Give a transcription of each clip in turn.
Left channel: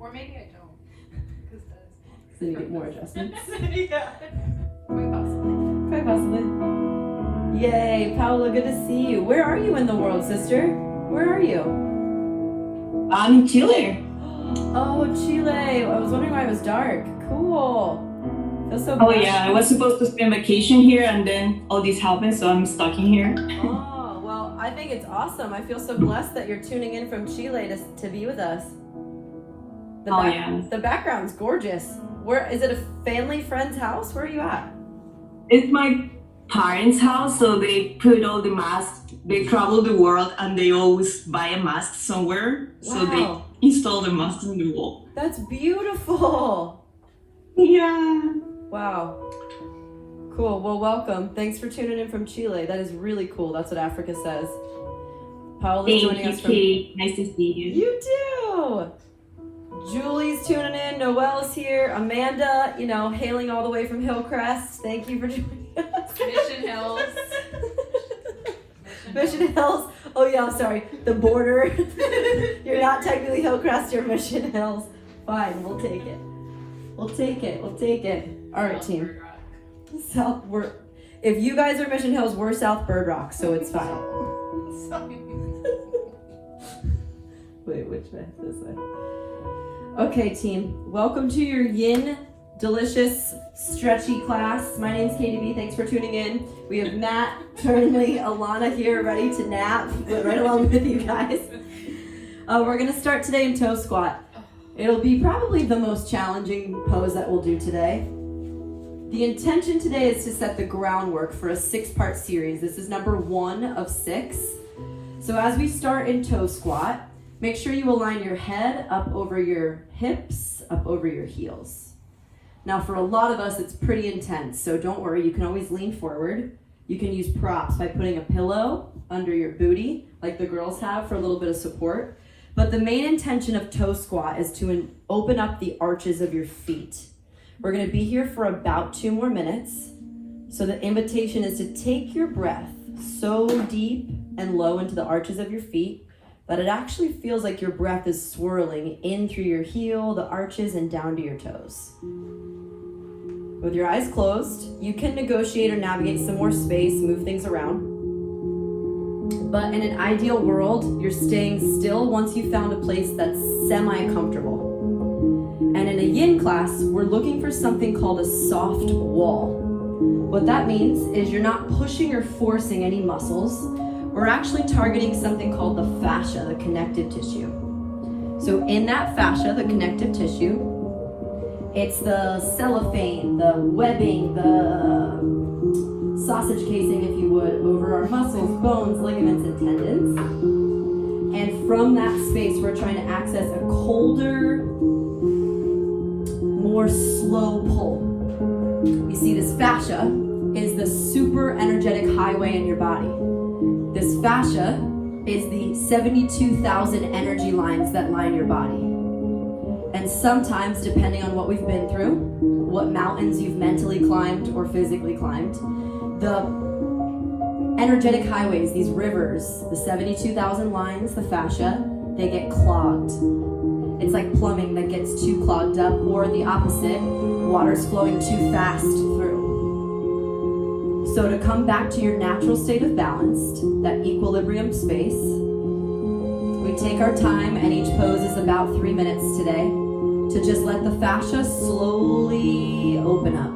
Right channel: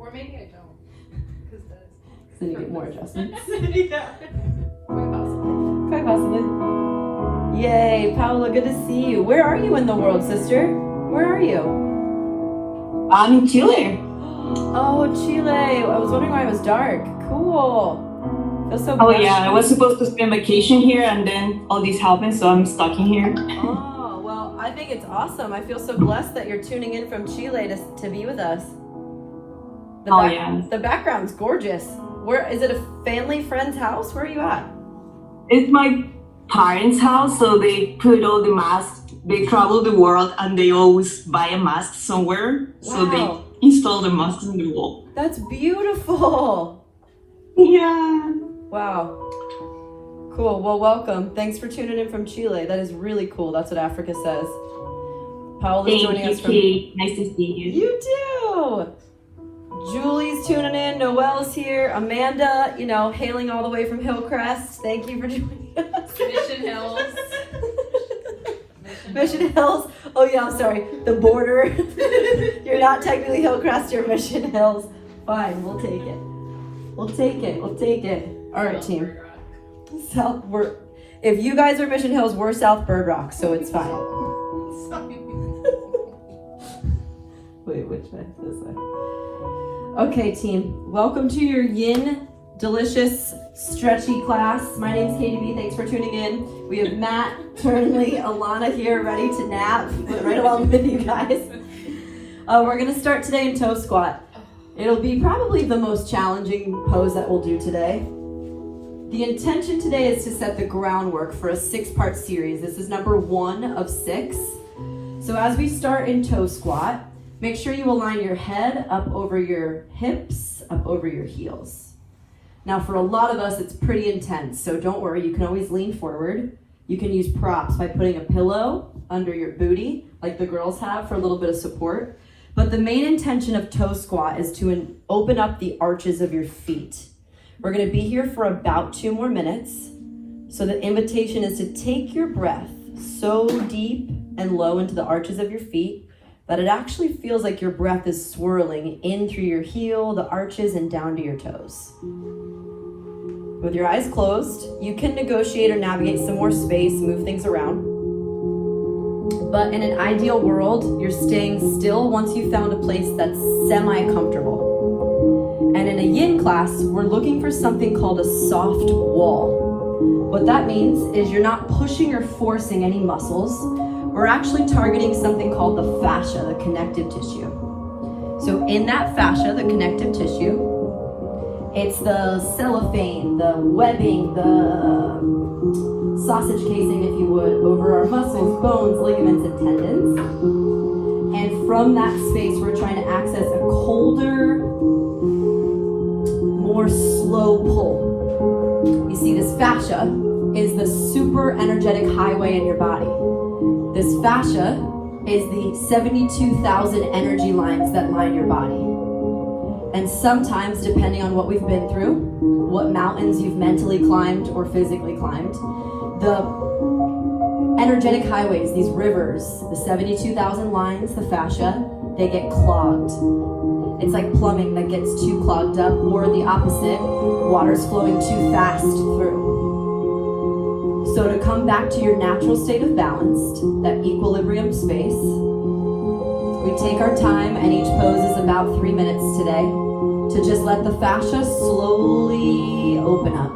Or maybe I don't. Because that's... So you need more adjustments. Yeah. Quite possibly. Quite possibly. Yay, Paola, good to see you. Where are you in the world, sister? Where are you? I'm in Chile. Oh, Chile. I was wondering why it was dark. Cool. Feels so Oh yeah, I was supposed to spend vacation here and then all this happened, so I'm stuck in here. Oh, well, I think it's awesome. I feel so blessed that you're tuning in from Chile to be with us. Yeah. The background's gorgeous. Where is it? A family friend's house? Where are you at? It's my parents' house, so they put all the masks. They travel the world and they always buy a mask somewhere. Wow. So they install the masks on the wall. That's beautiful. Yeah. Wow. Cool. Well, welcome. Thanks for tuning in from Chile. That is really cool. That's what Africa says. Paola's joining us from... Kate. Nice to see you. You too. Julie's tuning in. Noelle's here. Amanda, hailing all the way from Hillcrest. Thank you for joining us. Mission Hills. Mission Hills. Oh yeah, I'm sorry. The border. You're not technically Hillcrest, you're Mission Hills. Fine, we'll take it. We'll take it. We'll take it. All right, team. If you guys are Mission Hills, we're South Bird Rock, so it's fine. Wait, which way? This way. Okay, team. Welcome to your yin delicious stretchy class. My name's 𝐊𝐴𝐷𝐵. Thanks for tuning in. We have Matt, Turnley, Alana here, ready to nap right along with you guys. We're gonna start today in toe squat. It'll be probably the most challenging pose that we'll do today. The intention today is to set the groundwork for a 6-part series. This is number 1 of 6. So as we start in toe squat, make sure you align your head up over your hips, up over your heels. Now for a lot of us, it's pretty intense, so don't worry, you can always lean forward. You can use props by putting a pillow under your booty, like the girls have, for a little bit of support. But the main intention of toe squat is to open up the arches of your feet. We're gonna be here for about 2 more minutes. So the invitation is to take your breath so deep and low into the arches of your feet that it actually feels like your breath is swirling in through your heel, the arches, and down to your toes. With your eyes closed, you can negotiate or navigate some more space, move things around. But in an ideal world, you're staying still once you've found a place that's semi-comfortable. And in a yin class, we're looking for something called a soft wall. What that means is you're not pushing or forcing any muscles. We're actually targeting something called the fascia, the connective tissue. So in that fascia, the connective tissue, it's the cellophane, the webbing, the sausage casing, if you would, over our muscles, bones, ligaments, and tendons. And from that space, we're trying to access a colder, more slow pull. You see, this fascia is the super energetic highway in your body. This fascia is the 72,000 energy lines that line your body. And sometimes, depending on what we've been through, what mountains you've mentally climbed or physically climbed, the energetic highways, these rivers, the 72,000 lines, the fascia, they get clogged. It's like plumbing that gets too clogged up, or the opposite, water's flowing too fast through. So to come back to your natural state of balance, that equilibrium space, we take our time, and each pose is about 3 minutes today, to just let the fascia slowly open up.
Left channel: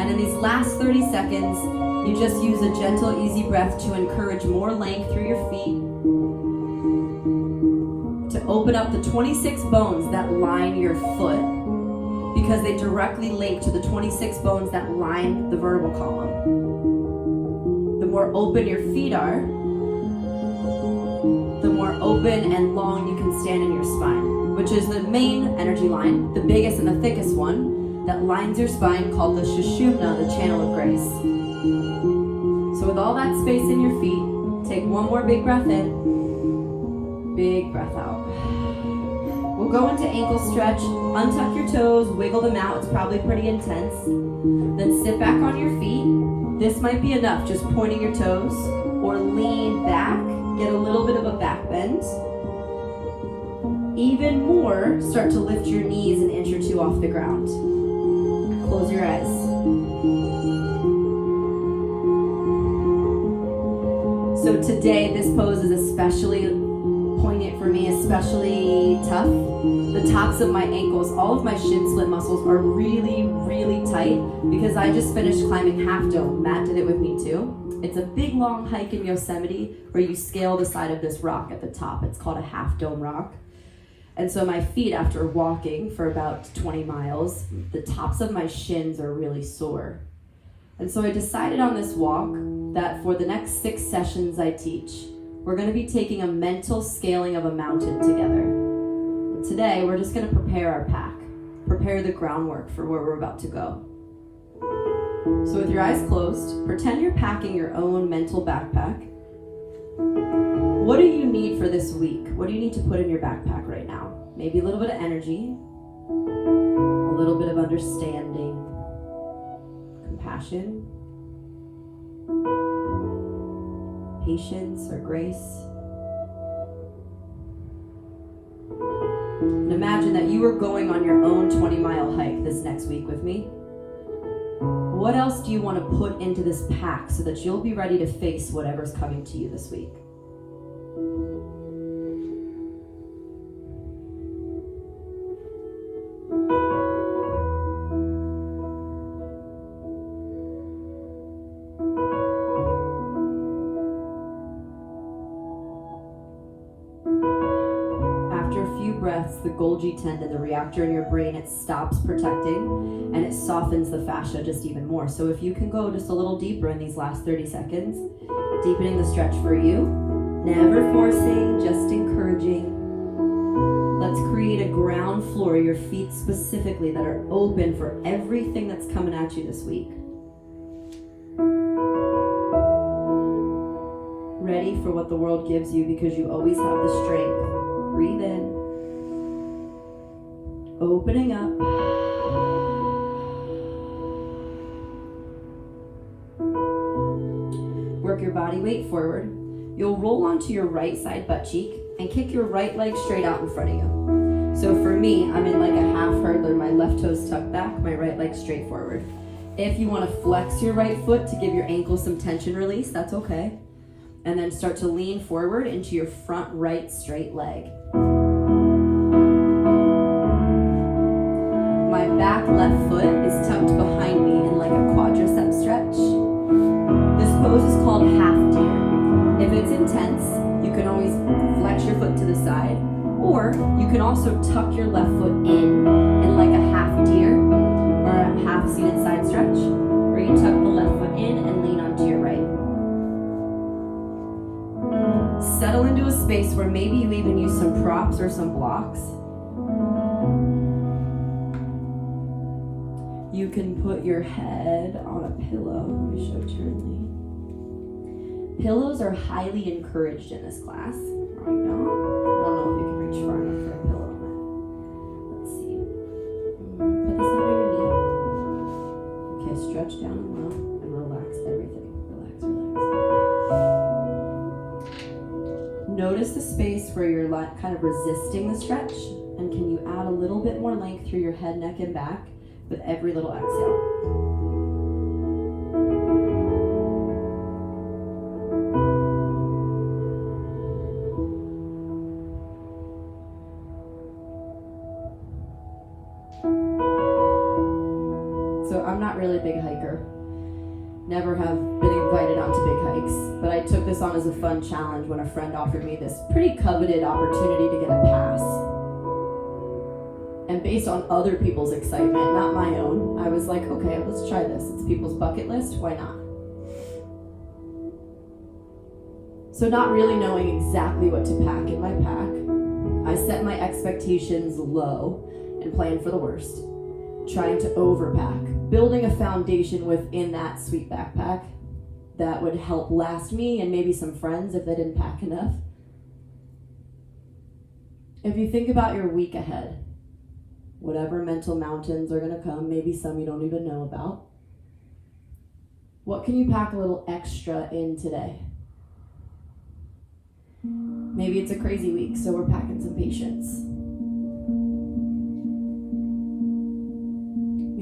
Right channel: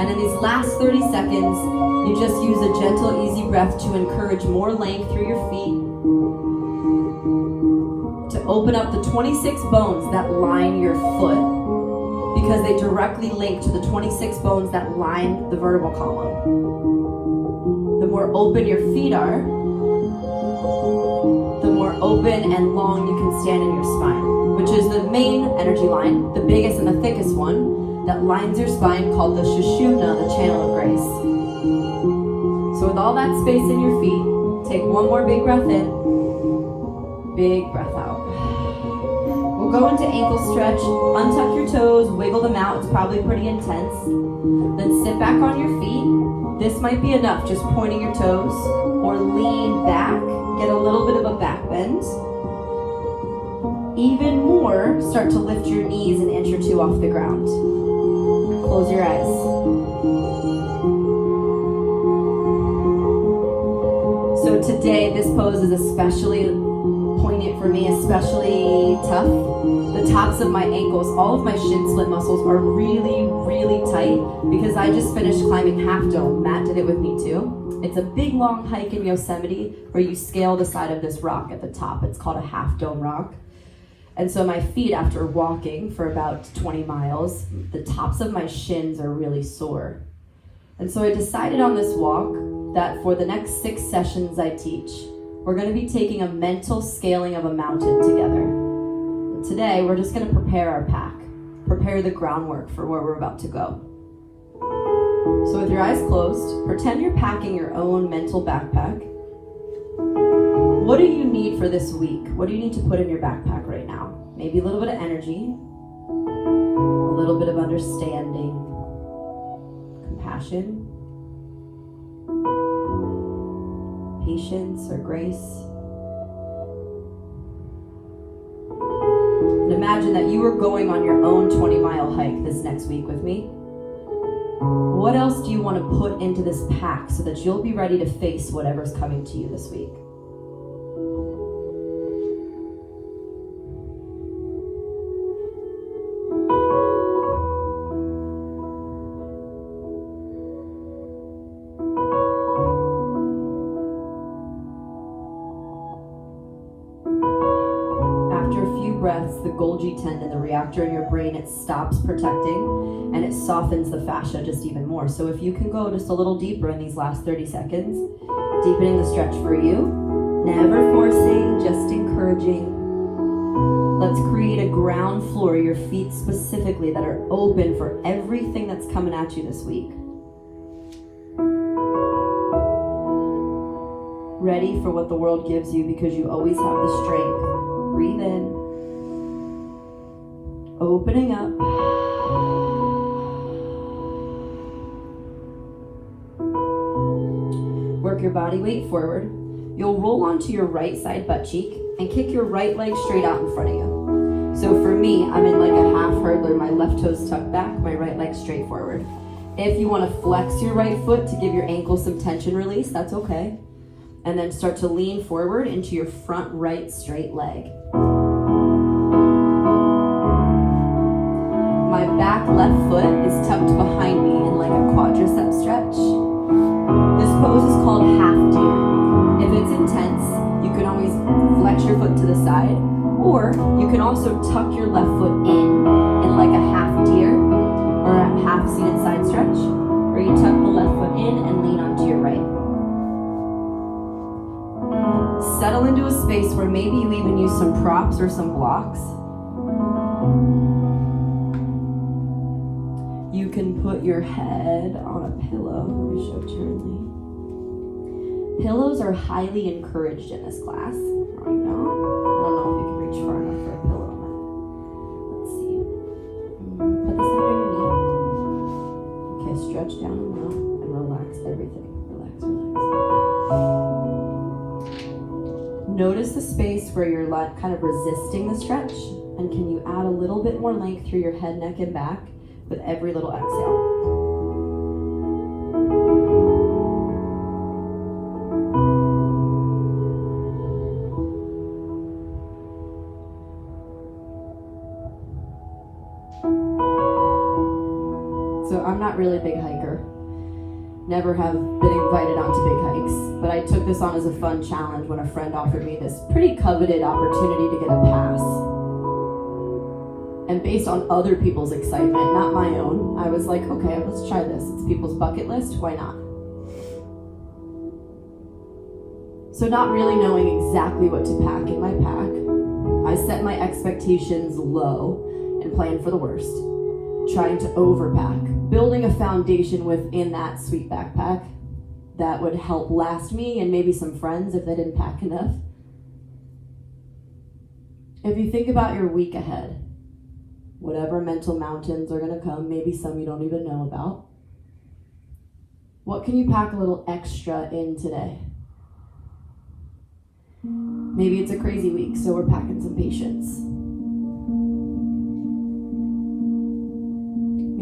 And in these last 30 seconds, you just use a gentle, easy breath to encourage more length through your feet, to open up the 26 bones that line your foot, because they directly link to the 26 bones that line the vertebral column. The more open your feet are, the more open and long you can stand in your spine, which is the main energy line, the biggest and the thickest one, that lines your spine, called the Sushumna, the channel of grace. So with all that space in your feet, take one more big breath in, big breath out. We'll go into ankle stretch, untuck your toes, wiggle them out, it's probably pretty intense. Then sit back on your feet. This might be enough, just pointing your toes, or lean back, get a little bit of a back bend. even more, start to lift your knees an inch or two off the ground. Close your eyes. So today, this pose is especially poignant for me, especially tough. The tops of my ankles, all of my shin split muscles are really, really tight because I just finished climbing Half Dome. Matt did it with me too. It's a big, long hike in Yosemite where you scale the side of this rock at the top. It's called a Half Dome rock. And so my feet, after walking for about 20 miles, the tops of my shins are really sore. And so I decided on this walk that for the next 6 sessions I teach, we're going to be taking a mental scaling of a mountain together. And today, we're just going to prepare our pack, prepare the groundwork for where we're about to go. So with your eyes closed, pretend you're packing your own mental backpack. What do you need for this week? What do you need to put in your backpack right now? Maybe a little bit of energy, a little bit of understanding, compassion, patience or grace. And imagine that you were going on your own 20-mile hike this next week with me. What else do you want to put into this pack so that you'll be ready to face whatever's coming to you this week? Breaths, the Golgi tendon, the reactor in your brain, it stops protecting and it softens the fascia just even more. So if you can go just a little deeper in these last 30 seconds, deepening the stretch for you, never forcing, just encouraging. Let's create a ground floor, your feet specifically, that are open for everything that's coming at you this week. Ready for what the world gives you because you always have the strength. Breathe in. Opening up. Work your body weight forward. You'll roll onto your right side butt cheek and kick your right leg straight out in front of you. So for me, I'm in like a half hurdler, my left toes tucked back, my right leg straight forward. If you want to flex your right foot to give your ankle some tension release, that's okay. And then start to lean forward into your front right straight leg. Left foot is tucked behind me in like a quadricep stretch. This pose is called half deer. If it's intense, you can always flex your foot to the side, or you can also tuck your left foot in like a half deer or a half seated side stretch, where you tuck the left foot in and lean onto your right. Settle into a space where maybe you even use some props or some blocks. You can put your head on a pillow. Let me show Turnley. Pillows are highly encouraged in this class. Right now, I don't know if you can reach far enough for a pillow. Let's see. Put this under your knee. Okay, stretch down and low and relax everything. Relax, relax. Notice the space where you're kind of resisting the stretch, and can you add a little bit more length through your head, neck, and back with every little exhale. So I'm not really a big hiker. Never have been invited onto big hikes, but I took this on as a fun challenge when a friend offered me this pretty coveted opportunity to get a pass. And based on other people's excitement, not my own, I was like, okay, let's try this. It's people's bucket list, why not? So not really knowing exactly what to pack in my pack, I set my expectations low and planned for the worst. Trying to overpack, building a foundation within that sweet backpack that would help last me and maybe some friends if they didn't pack enough. If you think about your week ahead, whatever mental mountains are going to come, maybe some you don't even know about. What can you pack a little extra in today? Maybe it's a crazy week, so we're packing some patience.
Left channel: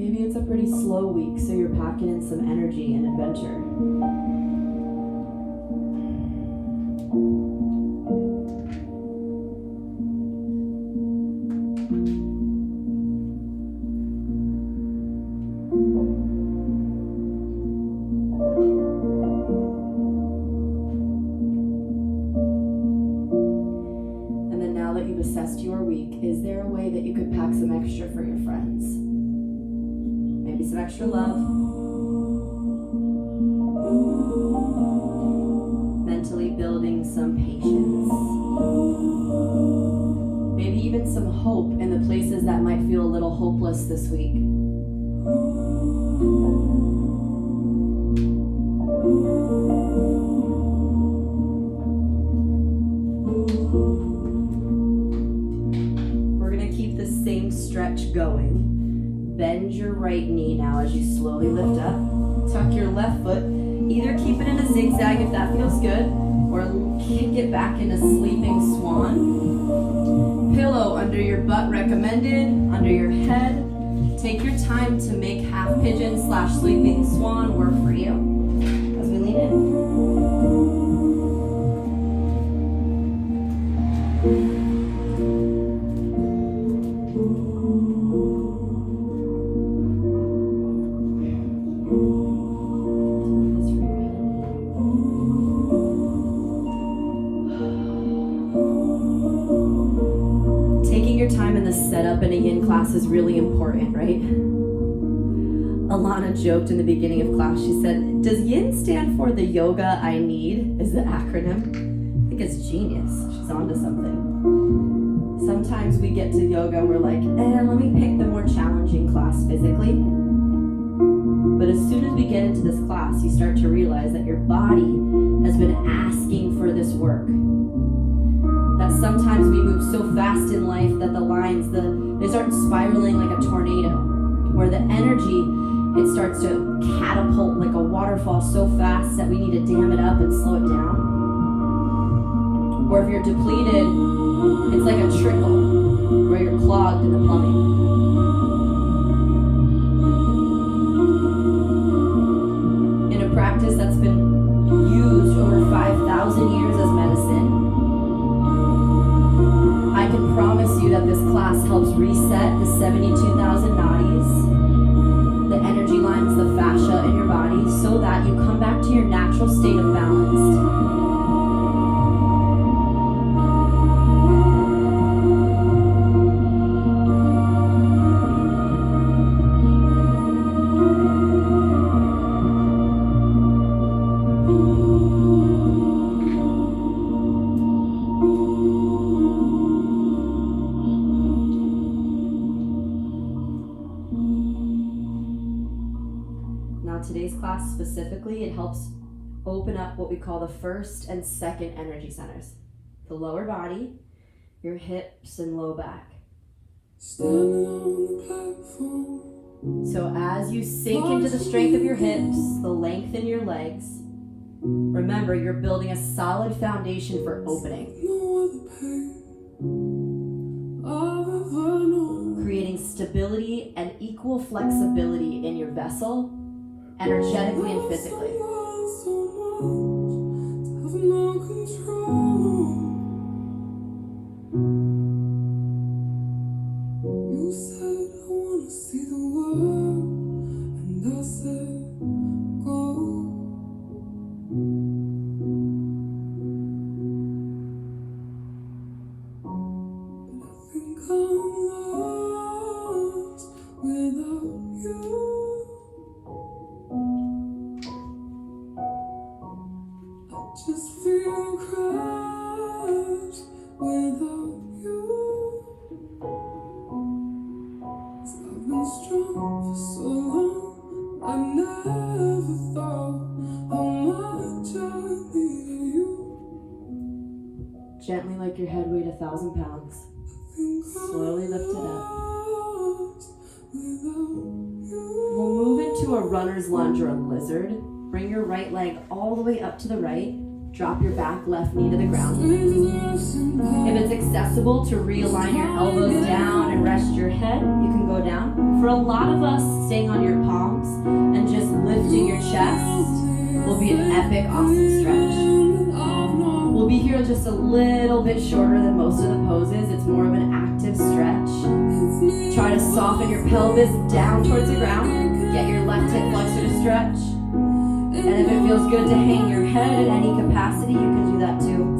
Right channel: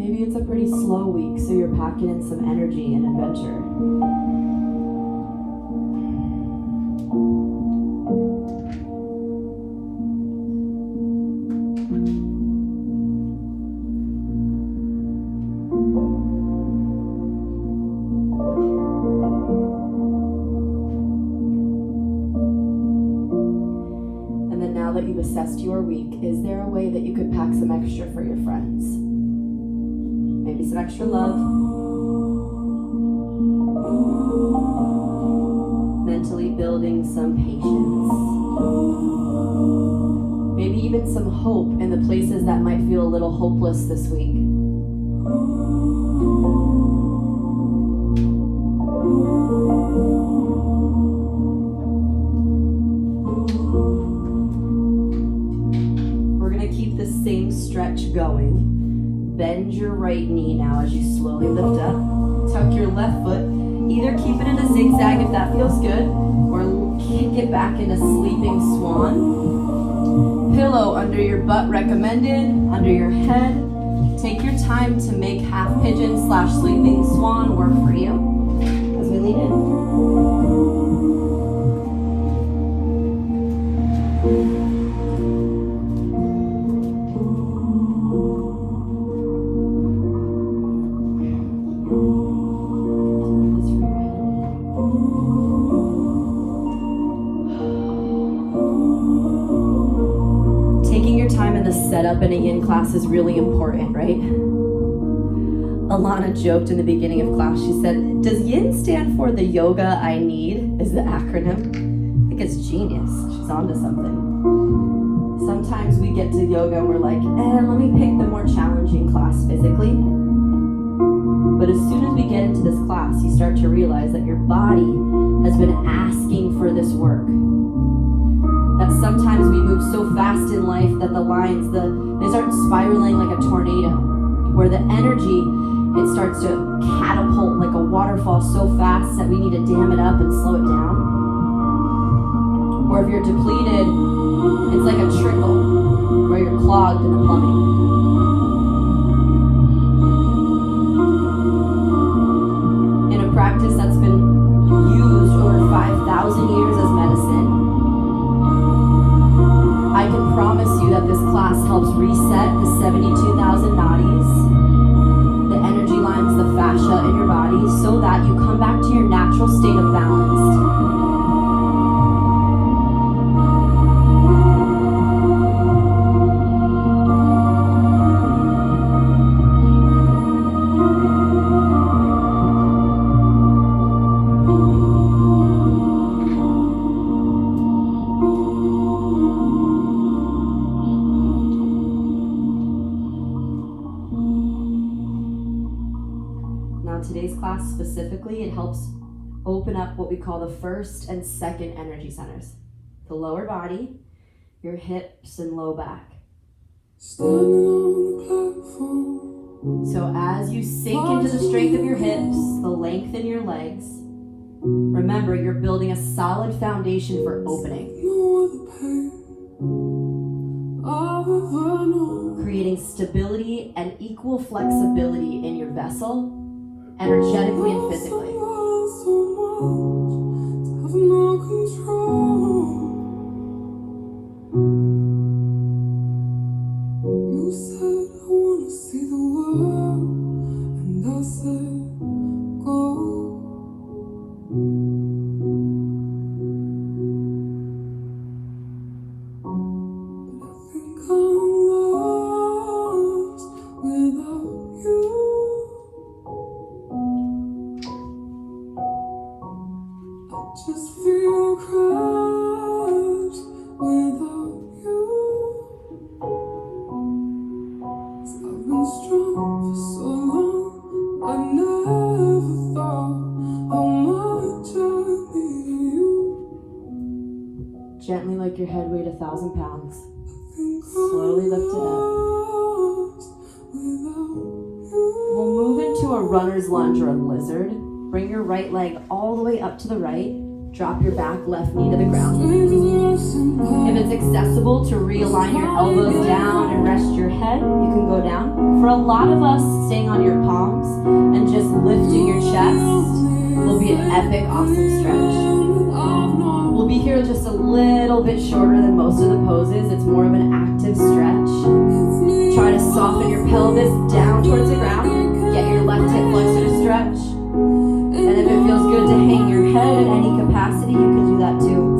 Maybe it's a pretty slow week, so you're packing in some energy and adventure. Assessed your week, is there a way that you could pack some extra for your friends? Maybe some extra love, mentally building some patience, maybe even some hope in the places that might feel a little hopeless this week. Stretch going. Bend your right knee now as you slowly lift up. Tuck your left foot. Either keep it in a zigzag if that feels good, or kick it back into sleeping swan. Pillow under your butt recommended, under your head. Take your time to make half pigeon / sleeping swan work for you, as we lean in. Setup in a yin class is really important, right? Alana joked in the beginning of class, she said, does yin stand for the yoga I need? Is the acronym? I think it's genius. She's onto something. Sometimes we get to yoga and we're like, let me pick the more challenging class physically. But as soon as we get into this class, you start to realize that your body has been asking for this work. That sometimes we move so fast in life that the lines, they start spiraling like a tornado, where the energy, it starts to catapult like a waterfall so fast that we need to dam it up and slow it down. Or if you're depleted, it's like a trickle, where you're clogged in the plumbing. In a practice that's been used over 5,000 years as medicine, I can promise you that this class helps reset the 72,000 nadis, the energy lines, the fascia in your body, so that you come back to your natural state of balance. Today's class specifically, it helps open up what we call the first and second energy centers. The lower body, your hips and low back. So as you sink into the strength of your hips, the length in your legs, remember you're building a solid foundation for opening. Creating stability and equal flexibility in your vessel, energetically and physically. You said I wanna see the world, and I said go. But I think I'm lost without you. Just feel crushed without you. 'Cause I've been strong for so long, I never thought how much I need you. Gently let your head weight 1,000 pounds. Slowly lift it up. We'll move into a runner's lunge or a lizard. Bring your right leg all the way up to the right. Drop your back left knee to the ground. If it's accessible to realign your elbows down and rest your head, you can go down. For a lot of us, staying poses. It's more of an active stretch. Try to soften your pelvis down towards the ground. Get your left hip flexor to stretch. And if it feels good to hang your head in any capacity, you can do that too.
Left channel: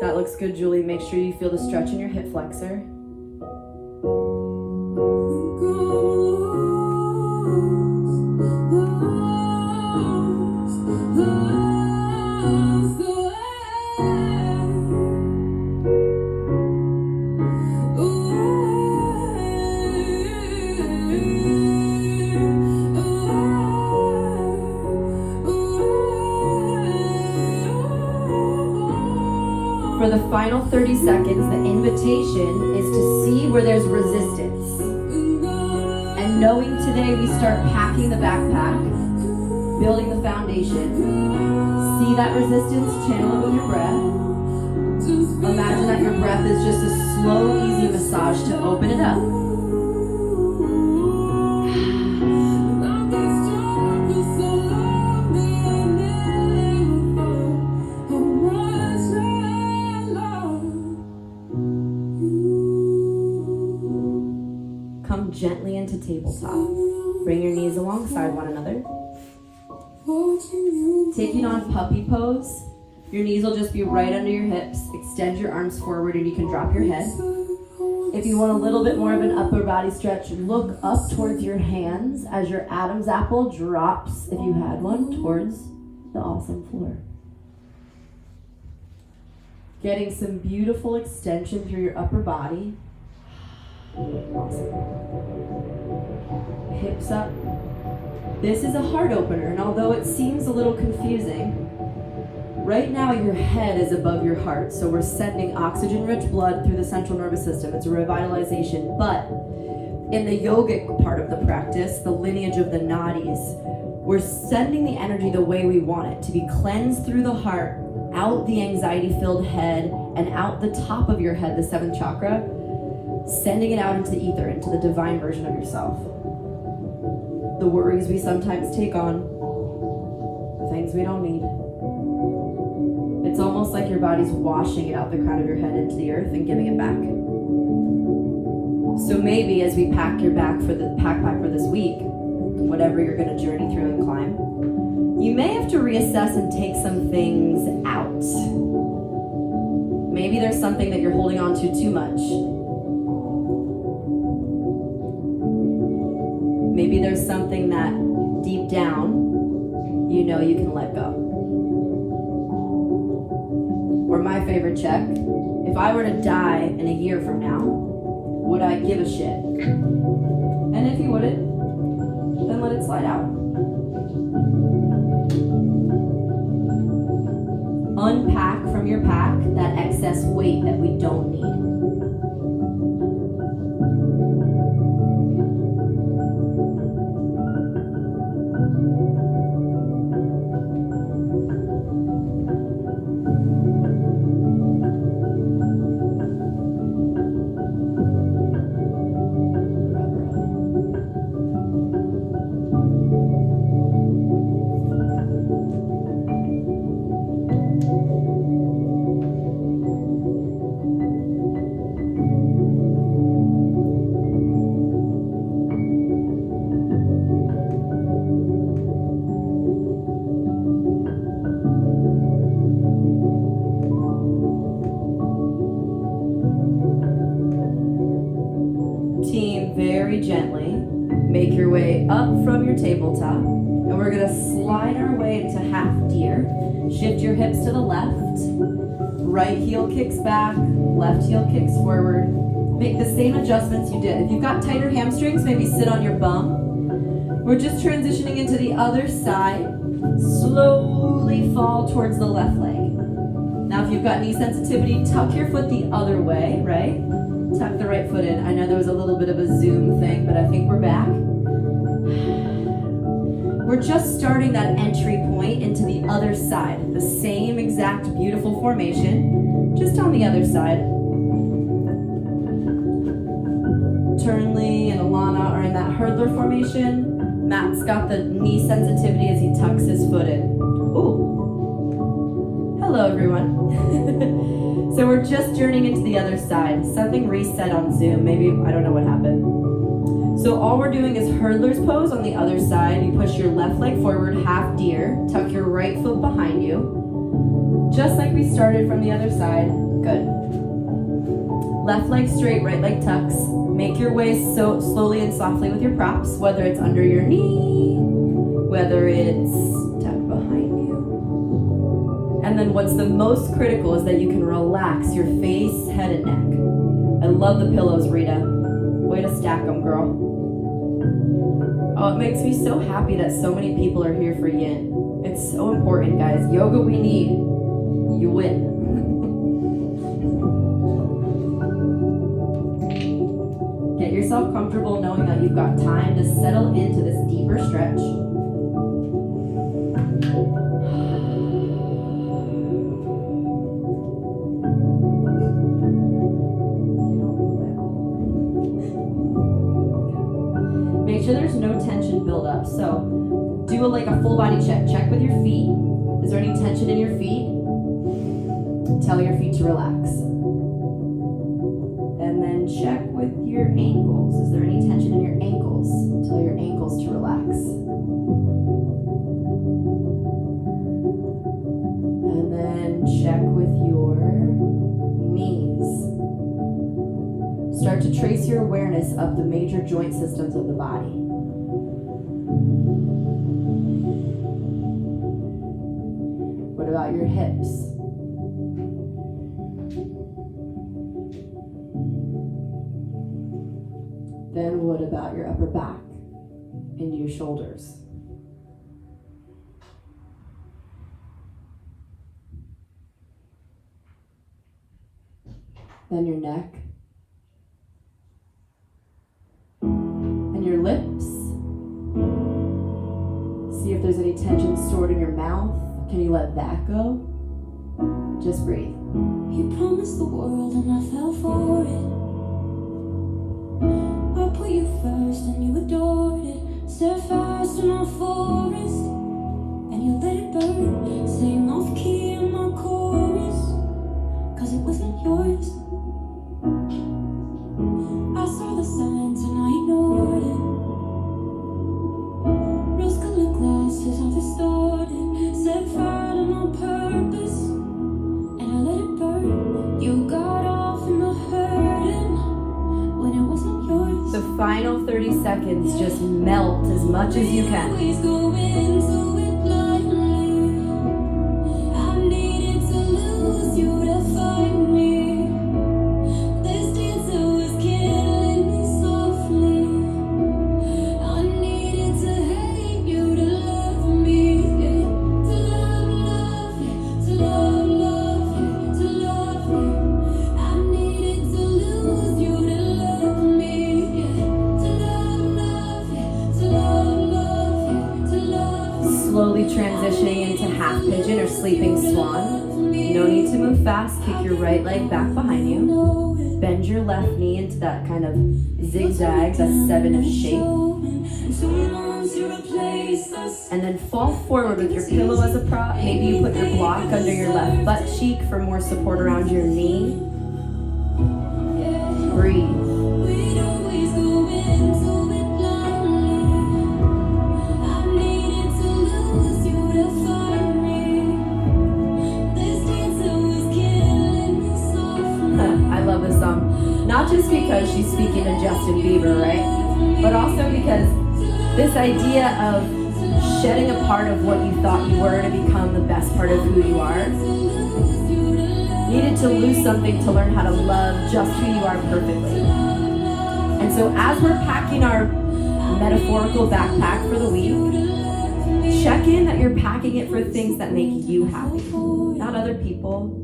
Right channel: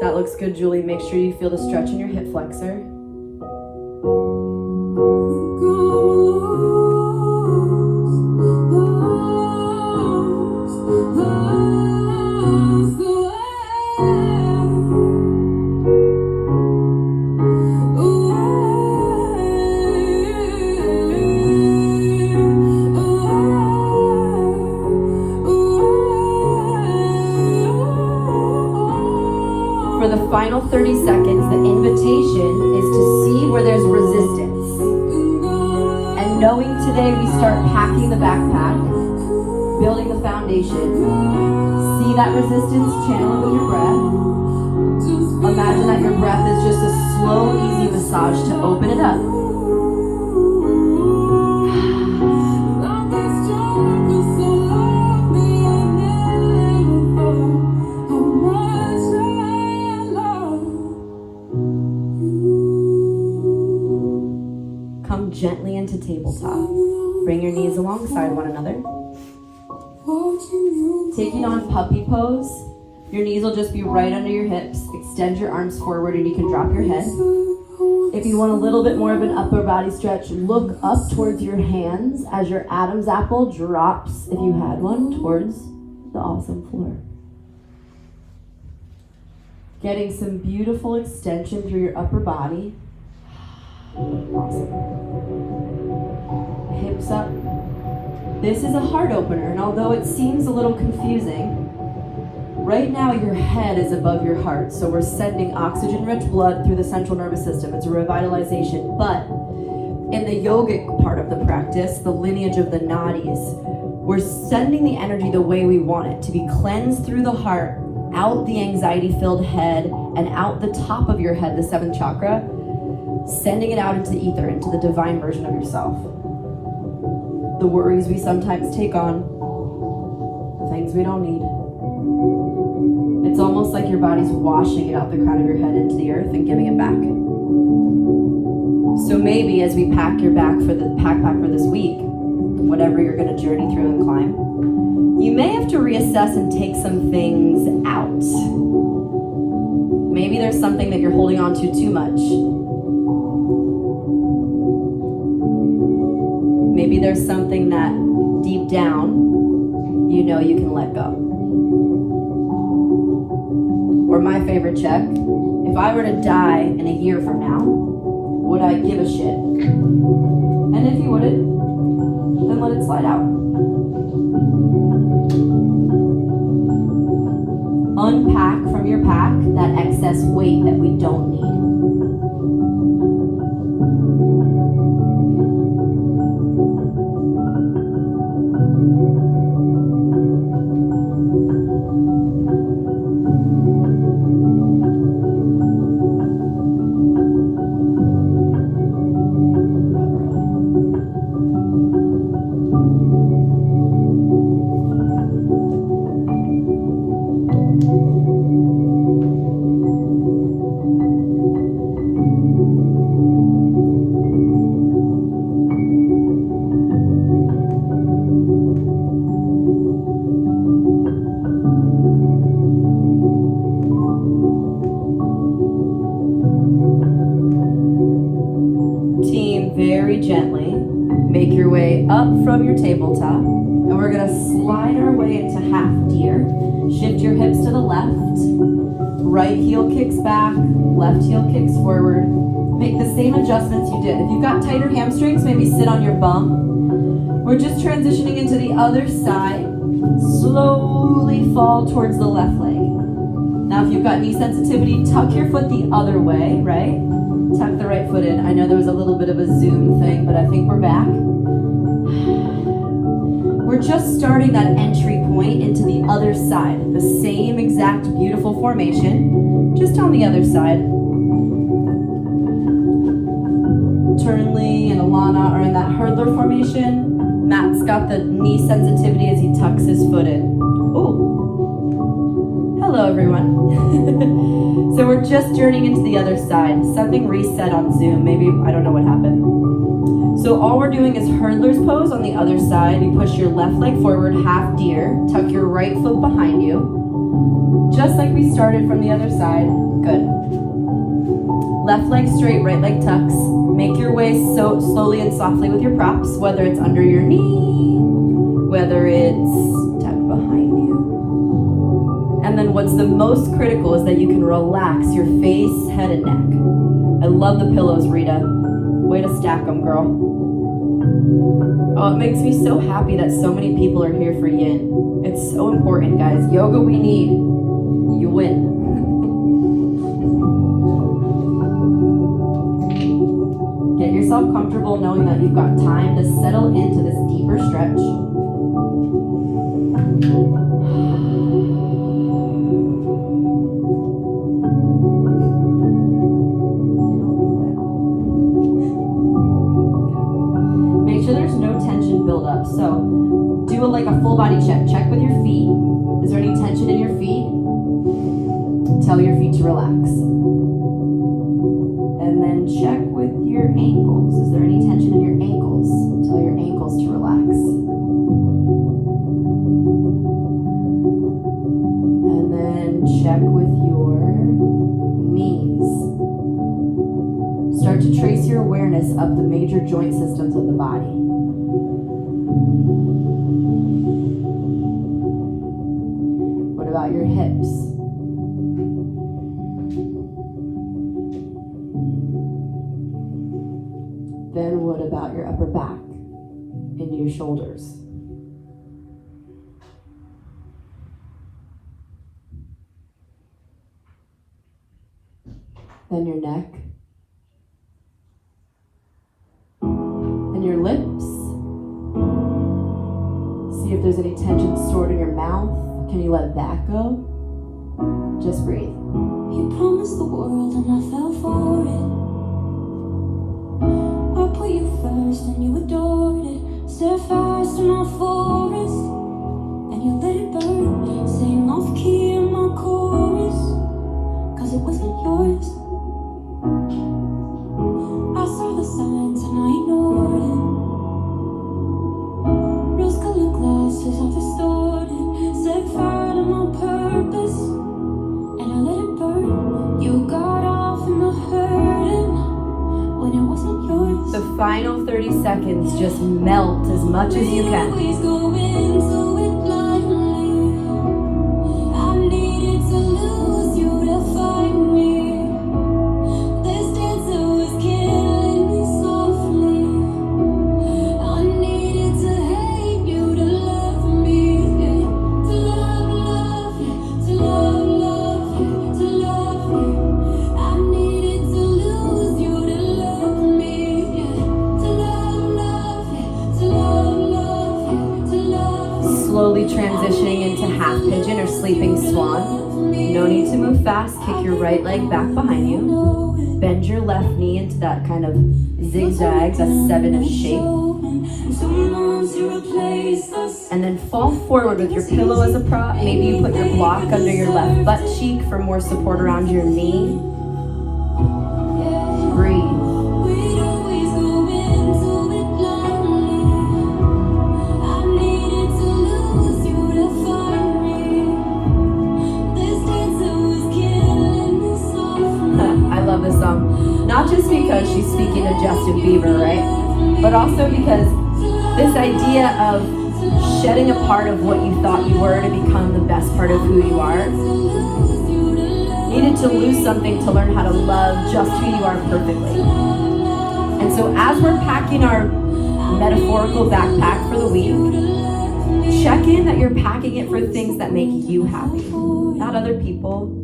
That looks good, Julie. Make sure you feel the stretch in your hip flexor. For the final 30 seconds, the invitation is to see where there's resistance. And knowing today we start packing the backpack, building the foundation, see that resistance, channel it with your breath. Imagine that your breath is just a slow, easy massage to open it up. Gently into tabletop. Bring your knees alongside one another. Taking on puppy pose. Your knees will just be right under your hips. Extend your arms forward and you can drop your head. If you want a little bit more of an upper body stretch, look up towards your hands as your Adam's apple drops, if you had one, towards the awesome floor. Getting some beautiful extension through your upper body. Awesome. Hips up. This is a heart opener, and although it seems a little confusing, right now your head is above your heart, so we're sending oxygen-rich blood through the central nervous system. It's a revitalization, but in the yogic part of the practice, the lineage of the nadis, we're sending the energy the way we want it, to be cleansed through the heart, out the anxiety-filled head, and out the top of your head, the seventh chakra, sending it out into the ether, into the divine version of yourself. The worries we sometimes take on, the things we don't need. It's almost like your body's washing it out the crown of your head into the earth and giving it back. So maybe as we pack your backpack for this week, whatever you're going to journey through and climb, you may have to reassess and take some things out. Maybe there's something that you're holding on to too much. Maybe there's something that deep down, you know you can let go. Or my favorite check, if I were to die in a year from now, would I give a shit? And if you wouldn't, then let it slide out. Unpack from your pack that excess weight that we don't need. Very gently make your way up from your tabletop, and we're going to slide our way into half deer. Shift your hips to the left, right heel kicks back, left heel kicks forward. Make the same adjustments you did. If you've got tighter hamstrings, maybe sit on your bum. We're just transitioning into the other side. Slowly fall towards the left leg. Now if you've got knee sensitivity, tuck your foot the other way, right? Tuck the right foot in. I know there was a little bit of a Zoom thing, but I think we're back. We're just starting that entry point into the other side. The same exact beautiful formation. Just on the other side. Turnley and Alana are in that hurdler formation. Matt's got the knee sensitivity as he tucks his foot in. Ooh. Hello, everyone. So we're just journeying into the other side. Something reset on Zoom. Maybe, I don't know what happened. So all we're doing is hurdler's pose on the other side. You push your left leg forward, half deer. Tuck your right foot behind you. Just like we started from the other side. Good. Left leg straight, right leg tucks. Make your way so slowly and softly with your props, whether it's under your knee, whether it's tucked behind you. And then what's the most critical is that you can relax your face, head, and neck. I love the pillows, Rita. Way to stack them, girl. Oh, it makes me so happy that so many people are here for yin. It's so important, guys. Yoga we need. You win. Get yourself comfortable knowing that you've got time to settle into this deeper stretch. Make sure there's no tension buildup. So do like a full body check. Check with your feet. Is there any tension in your feet? Tell your feet to relax. And then check with your ankles. Is there any tension in your ankles? Tell your ankles to relax. And then check with your knees. Start to trace your awareness up the major joint systems of the body. What about your hips? Then what about your upper back into your shoulders? Then your neck. And your lips. See if there's any tension stored in your mouth. Can you let that go? Just breathe. You promised the world and I fell for it. I put you first and you adored it. Set fast in my forest and you let it burn. Sing off key in my chorus, cause it wasn't yours. I saw the signs and I ignored it. Rose-colored glasses are distorted. Set fire to my purpose and I let it burn. You got off in the hurting when it wasn't yours. The final 30 seconds, just melt as much as you can. Always go into it blindly. I needed to lose you to find me. This dancer was killing me softly. I needed to hate you to love me. To love you, to love you, to love you. I needed to lose you to love me. To love you, to love you, to love you. Slowly transitioning into half pigeon or sleeping swan. No need to move fast. Kick your right leg back behind you. Bend your left knee into that kind of zigzag, that 7-ish shape. And then fall forward with your pillow as a prop. Maybe you put your block under your left butt cheek for more support around your knee. Breathe. I love this song. Not just because she's speaking to Justin Bieber, right? But also because this idea of shedding a part of what you thought you were to become the best part of who you are. Needed to lose something to learn how to love just who you are perfectly. And so as we're packing our metaphorical backpack for the week, check in that you're packing it for things that make you happy, not other people.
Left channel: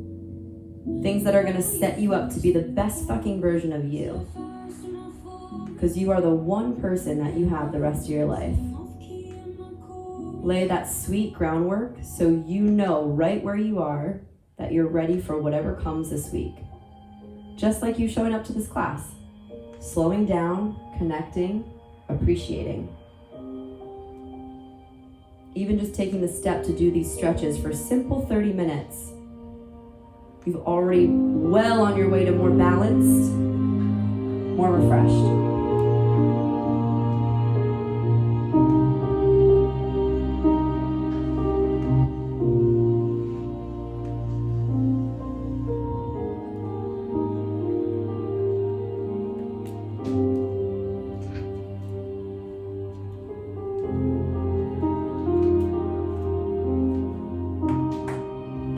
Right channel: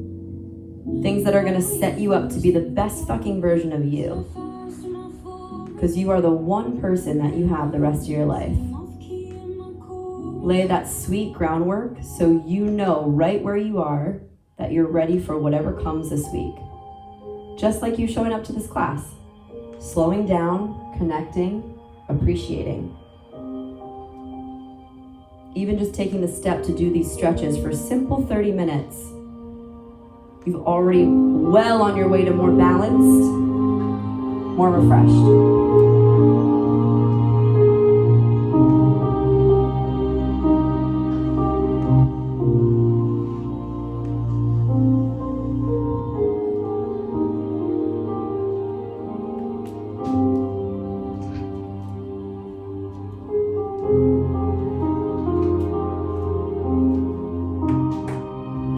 Things that are going to set you up to be the best fucking version of you. Because you are the one person that you have the rest of your life. Lay that sweet groundwork so you know right where you are that you're ready for whatever comes this week. Just like you showing up to this class. Slowing down, connecting, appreciating. Even just taking the step to do these stretches for simple 30 minutes. You've already well on your way to more balanced, more refreshed.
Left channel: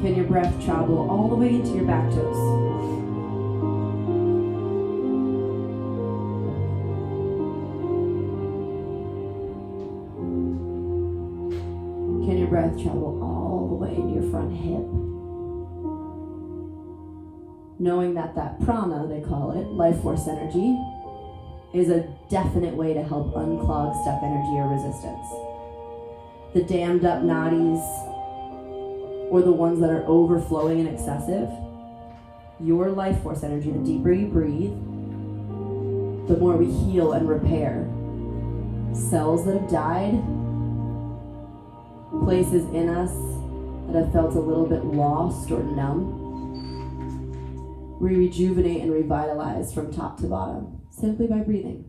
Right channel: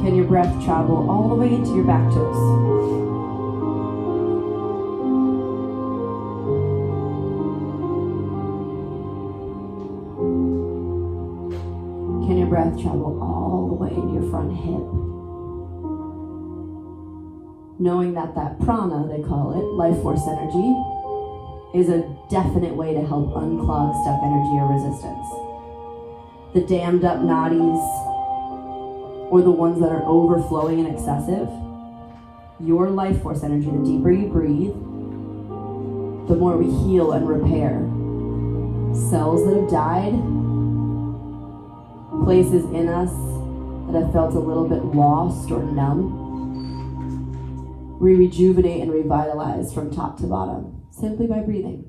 Can your breath travel all the way into your back toes? Can your breath travel all the way into your front hip? Knowing that prana, they call it, life force energy, is a definite way to help unclog stuck energy or resistance. The dammed up nadis, or the ones that are overflowing and excessive, your life force energy, the deeper you breathe, the more we heal and repair. Cells that have died, places in us that have felt a little bit lost or numb, we rejuvenate and revitalize from top to bottom, simply by breathing.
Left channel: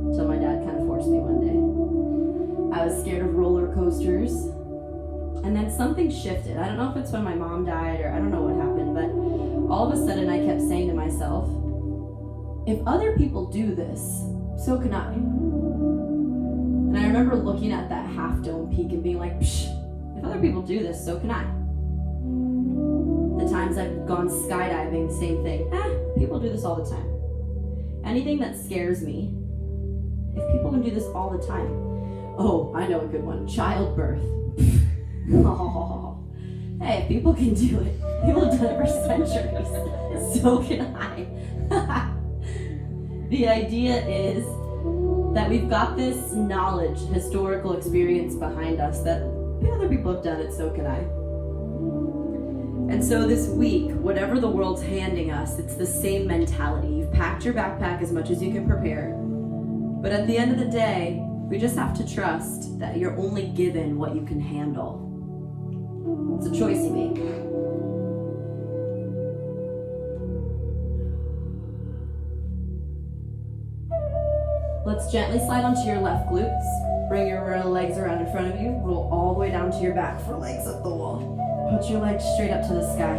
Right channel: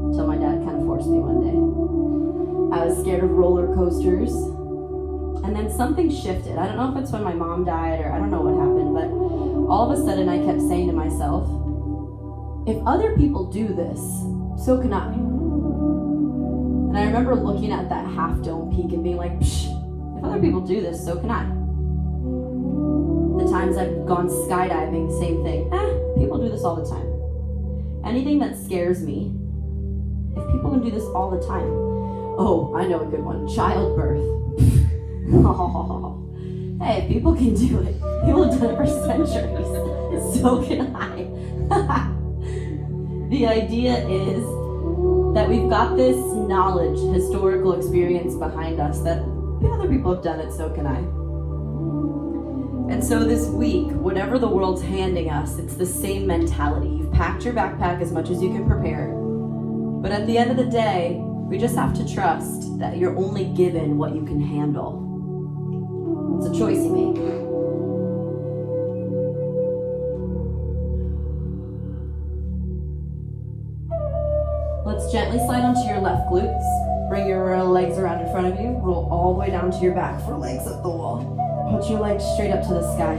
Until my dad kind of forced me one day. I was scared of roller coasters, and then something shifted. I don't know if it's when my mom died or I don't know what happened, but all of a sudden I kept saying to myself, if other people do this, so can I. And I remember looking at that half dome peak and being like, psh, if other people do this, so can I. The times I've gone skydiving, same thing. People do this all the time. Anything that scares me, if people can do this all the time. Oh, I know a good one. Childbirth. Oh, hey, people can do it. People have done it for centuries. So can I. The idea is that we've got this knowledge, historical experience behind us that if other people have done it, so can I. And so this week, whatever the world's handing us, it's the same mentality. You've packed your backpack as much as you can prepare. But at the end of the day, we just have to trust that you're only given what you can handle. It's a choice you make. Let's gently slide onto your left glutes. Bring your legs around in front of you. Roll all the way down to your back for legs at the wall. Put your legs straight up to the sky.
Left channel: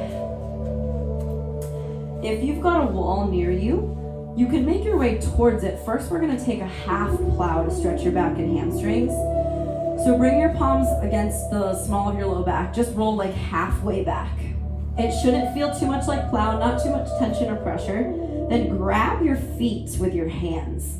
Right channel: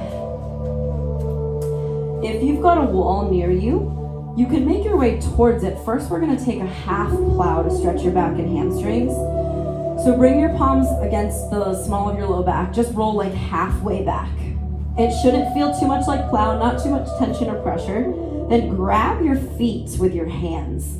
If you've got a wall near you, you can make your way towards it. First, we're gonna take a half plow to stretch your back and hamstrings. So bring your palms against the small of your low back. Just roll like halfway back. It shouldn't feel too much like plow, not too much tension or pressure. Then grab your feet with your hands.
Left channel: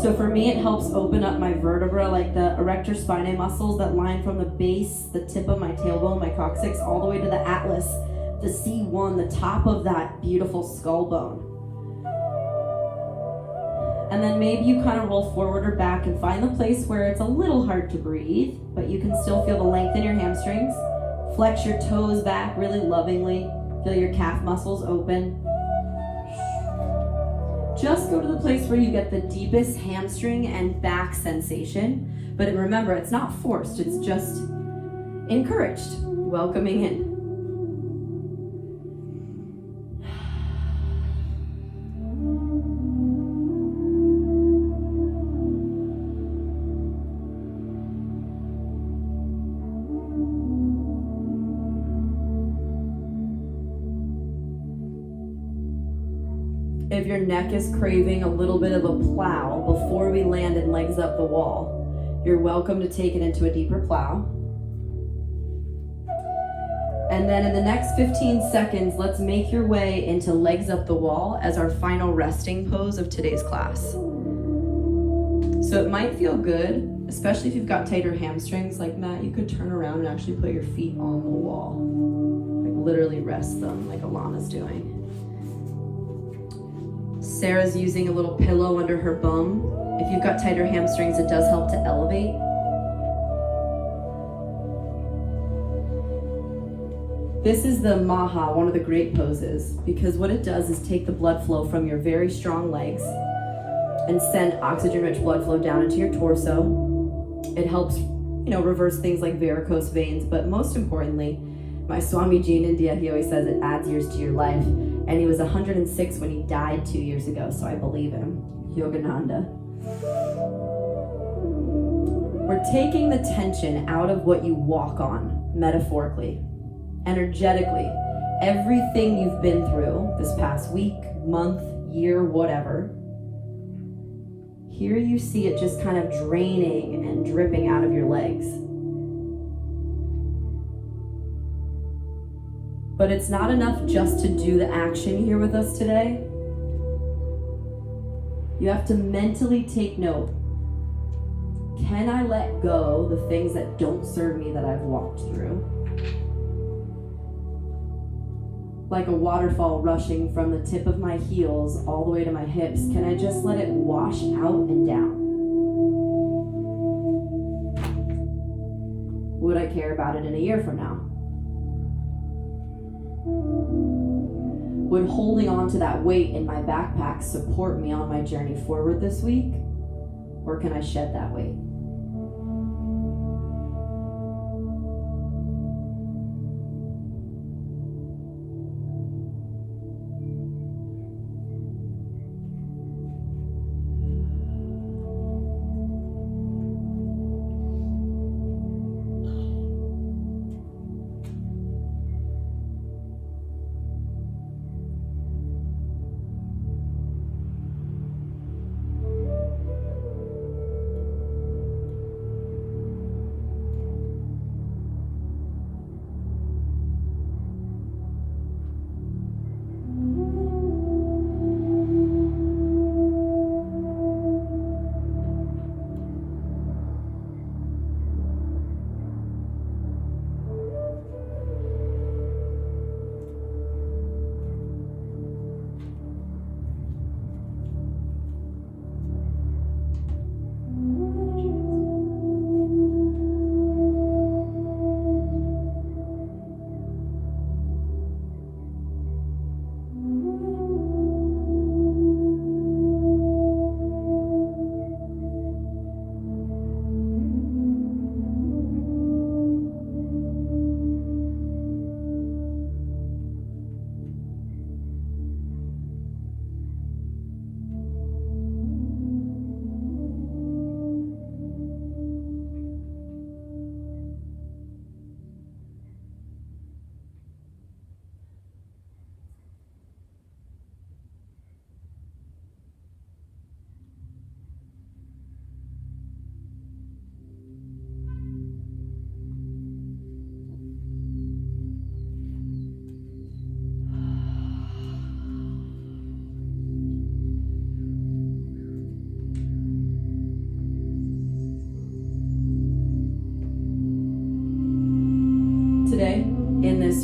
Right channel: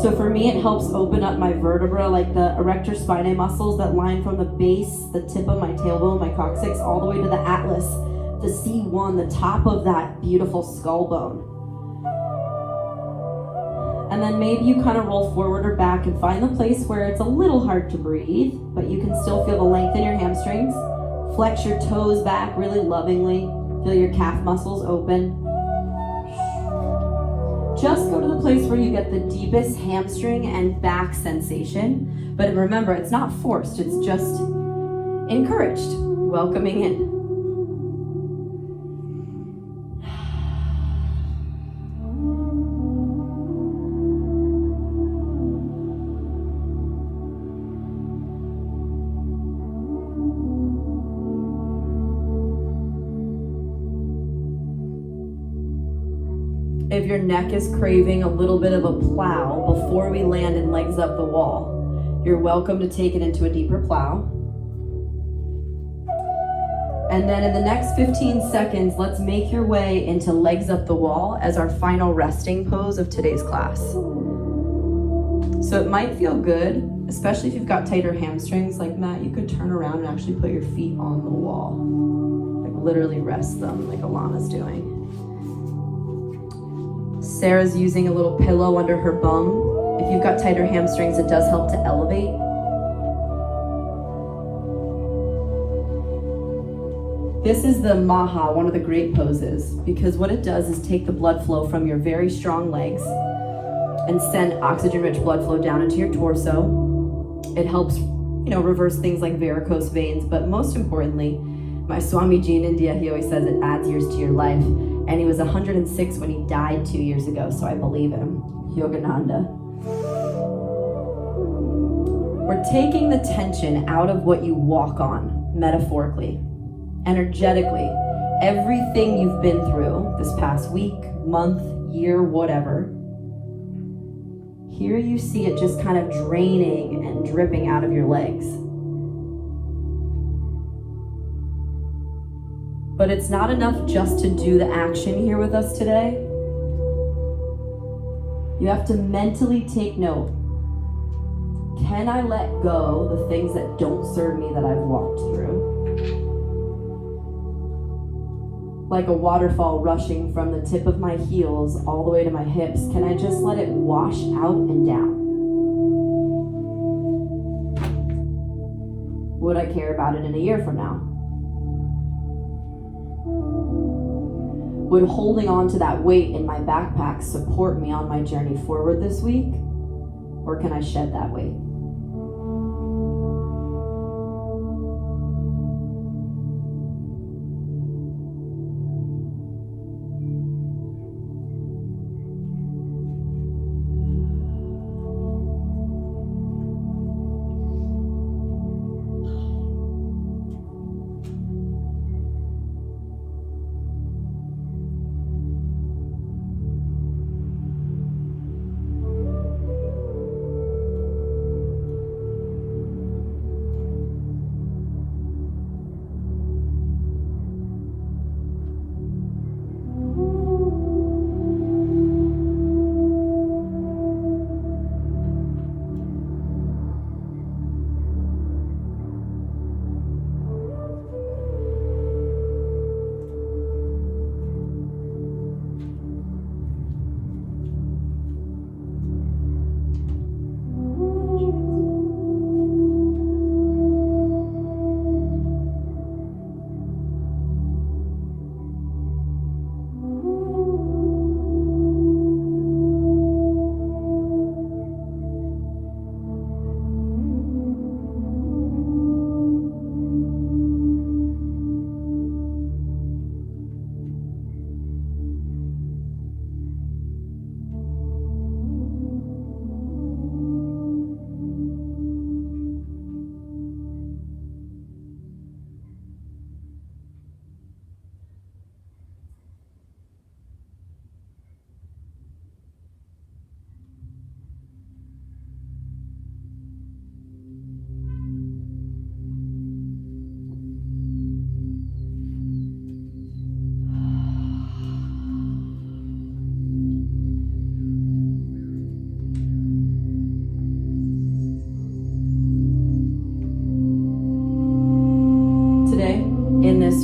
So for me, it helps open up my vertebra, like the erector spinae muscles that line from the base, the tip of my tailbone, my coccyx, all the way to the atlas, the C1, the top of that beautiful skull bone. And then maybe you kind of roll forward or back and find the place where it's a little hard to breathe, but you can still feel the length in your hamstrings. Flex your toes back really lovingly. Feel your calf muscles open. Just go to the place where you get the deepest hamstring and back sensation. But remember, it's not forced, it's just encouraged. welcoming in. If your neck is craving a little bit of a plow before we land in legs up the wall, you're welcome to take it into a deeper plow. And then in the next 15 seconds, let's make your way into legs up the wall as our final resting pose of today's class. So it might feel good, especially if you've got tighter hamstrings like Matt, you could turn around and actually put your feet on the wall. Like literally rest them like Alana's doing. Sarah's using a little pillow under her bum. If you've got tighter hamstrings, it does help to elevate. This is the Maha, one of the great poses, because what it does is take the blood flow from your very strong legs and send oxygen-rich blood flow down into your torso. It helps, reverse things like varicose veins, but most importantly, my Swamiji in India, he always says it adds years to your life. And he was 106 when he died 2 years ago, so I believe him. Yogananda. We're taking the tension out of what you walk on, metaphorically, energetically. Everything you've been through this past week, month, year, whatever. Here you see it just kind of draining and dripping out of your legs. But it's not enough just to do the action here with us today. You have to mentally take note. Can I let go the things that don't serve me that I've walked through? Like a waterfall rushing from the tip of my heels all the way to my hips, can I just let it wash out and down? Would I care about it in a year from now? Would holding on to that weight in my backpack support me on my journey forward this week? Or can I shed that weight?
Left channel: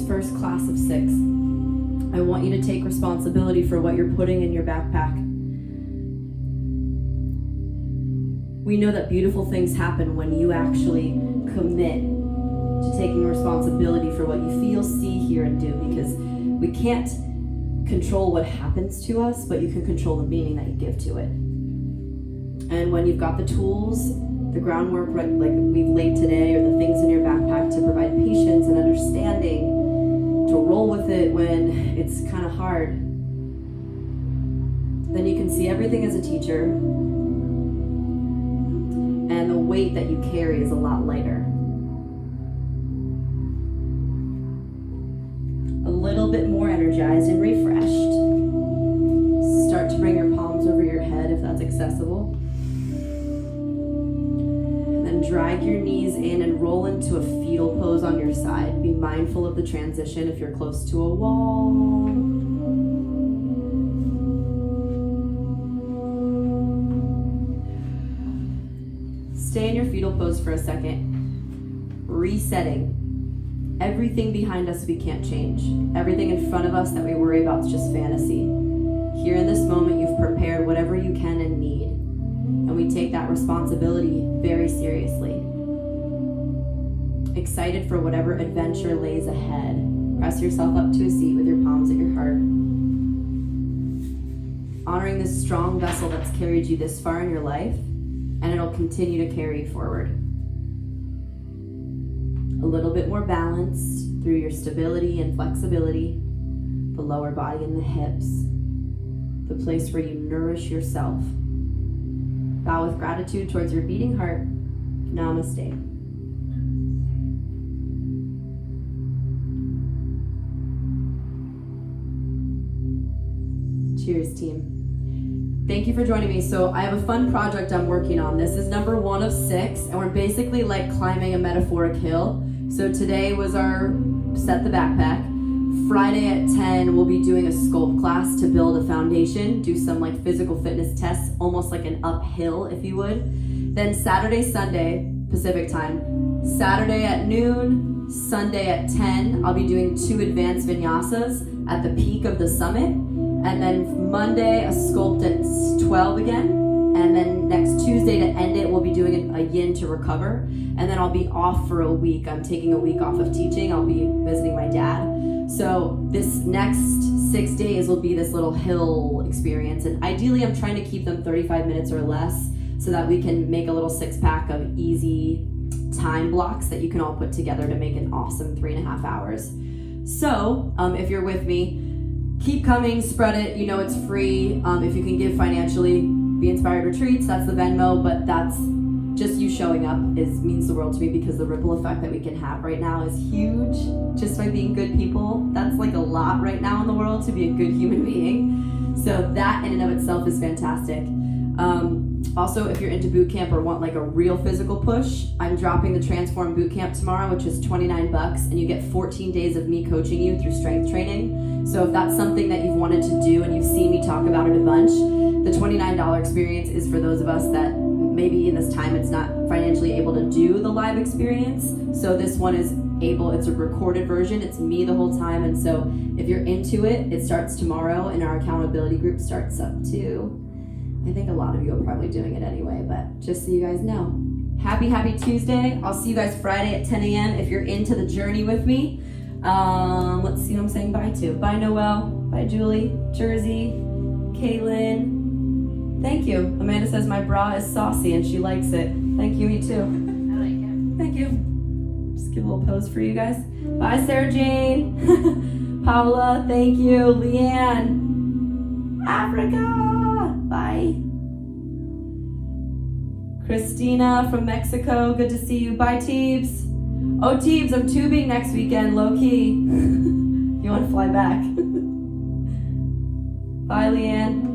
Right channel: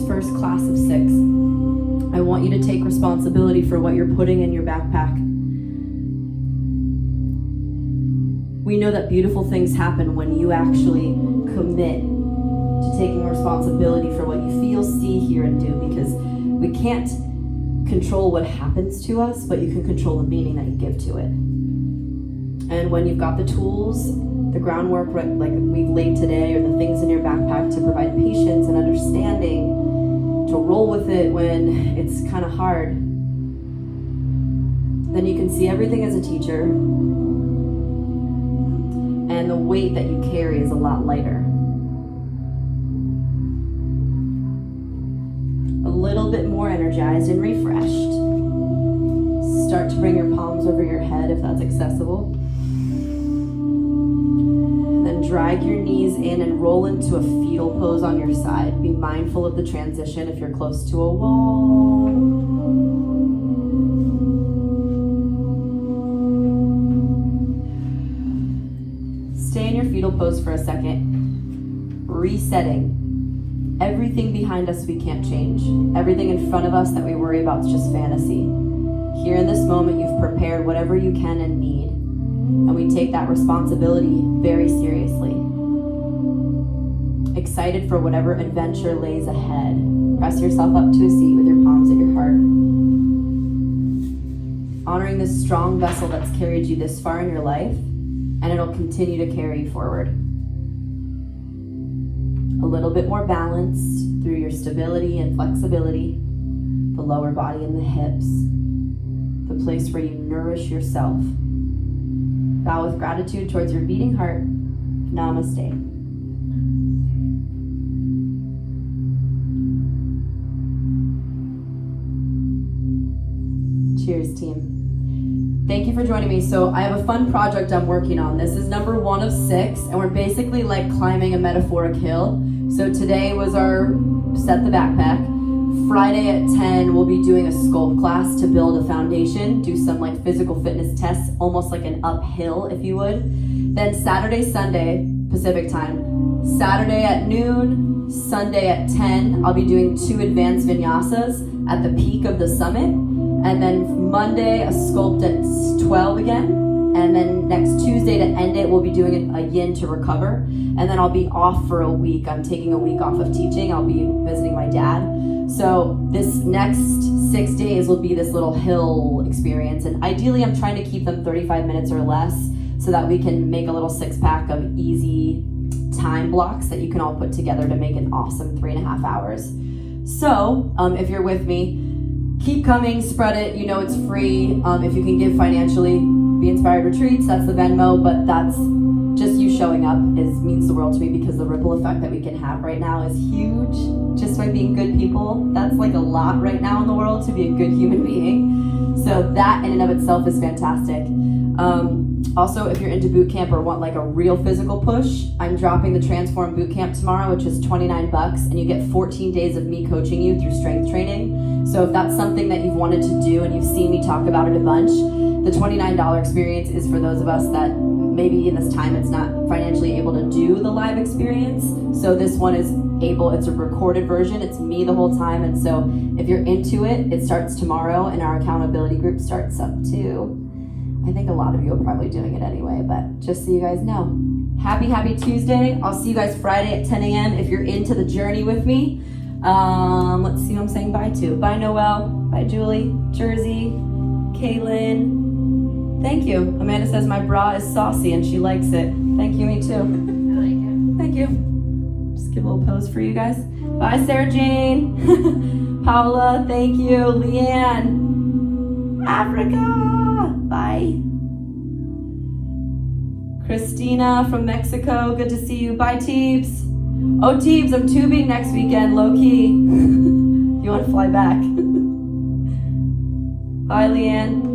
First class of 6. I want you to take responsibility for what you're putting in your backpack. We know that beautiful things happen when you actually commit to taking responsibility for what you feel, see, hear, and do, because we can't control what happens to us, but you can control the meaning that you give to it. And when you've got the tools, the groundwork like we've laid today, or the things in your backpack to provide patience and understanding, to roll with it when it's kind of hard, then you can see everything as a teacher, and the weight that you carry is a lot lighter. A little bit more energized and refreshed. Start to bring your palms over your head if that's accessible. Then drag your knees in and roll into a fetal pose on your side. Be mindful of the transition if you're close to a wall. Stay in your fetal pose for a second. Resetting. Everything behind us we can't change. Everything in front of us that we worry about is just fantasy. Here in this moment, you've prepared whatever you can and need, and we take that responsibility very seriously. Excited for whatever adventure lays ahead. Press yourself up to a seat with your palms at your heart. Honoring this strong vessel that's carried you this far in your life, and it'll continue to carry you forward. A little bit more balanced through your stability and flexibility, the lower body and the hips, the place where you nourish yourself. Bow with gratitude towards your beating heart. Namaste. Cheers, team. Thank you for joining me. So I have a fun project I'm working on. This is number 1 of 6, and we're basically like climbing a metaphoric hill. So today was our set the backpack. Friday at 10, we'll be doing a sculpt class to build a foundation, do some like physical fitness tests, almost like an uphill, if you would. Then Saturday, Sunday, Pacific time. Saturday at noon, Sunday at 10, I'll be doing 2 advanced vinyasas at the peak of the summit. And then Monday, a sculpt at 12 again. And then next Tuesday to end it, we'll be doing a yin to recover. And then I'll be off for a week. I'm taking a week off of teaching. I'll be visiting my dad. So this next 6 days will be this little hill experience. And ideally, I'm trying to keep them 35 minutes or less so that we can make a little 6-pack of easy time blocks that you can all put together to make an awesome 3.5 hours. So if you're with me, keep coming, spread it. You know it's free. If you can give financially, Be Inspired Retreats, that's the Venmo, but that's just you showing up means the world to me, because the ripple effect that we can have right now is huge. Just by being good people, that's like a lot right now in the world to be a good human being. So that in and of itself is fantastic. Also, if you're into boot camp or want like a real physical push, I'm dropping the Transform Boot Camp tomorrow, which is $29, and you get 14 days of me coaching you through strength training. So if that's something that you've wanted to do and you've seen me talk about it a bunch, the $29 experience is for those of us that maybe in this time it's not financially able to do the live experience. So this one is able, it's a recorded version, it's me the whole time. And so if you're into it, it starts tomorrow, and our accountability group starts up too. I think a lot of you are probably doing it anyway, but just so you guys know. Happy Tuesday. I'll see you guys Friday at 10 a.m. if you're into the journey with me. Let's see who I'm saying bye to. Bye, Noelle. Bye, Julie. Jersey. Caitlin. Thank you. Amanda says my bra is saucy and she likes it. Thank you, me too. I like it. Thank you. Just give a little pose for you guys. Bye, Sarah Jane. Paula, thank you. Leanne. Africa. Bye. Christina from Mexico, good to see you. Bye, Teebs. Oh, Teebs, I'm tubing next weekend, low key. You want to fly back? Bye, Leanne.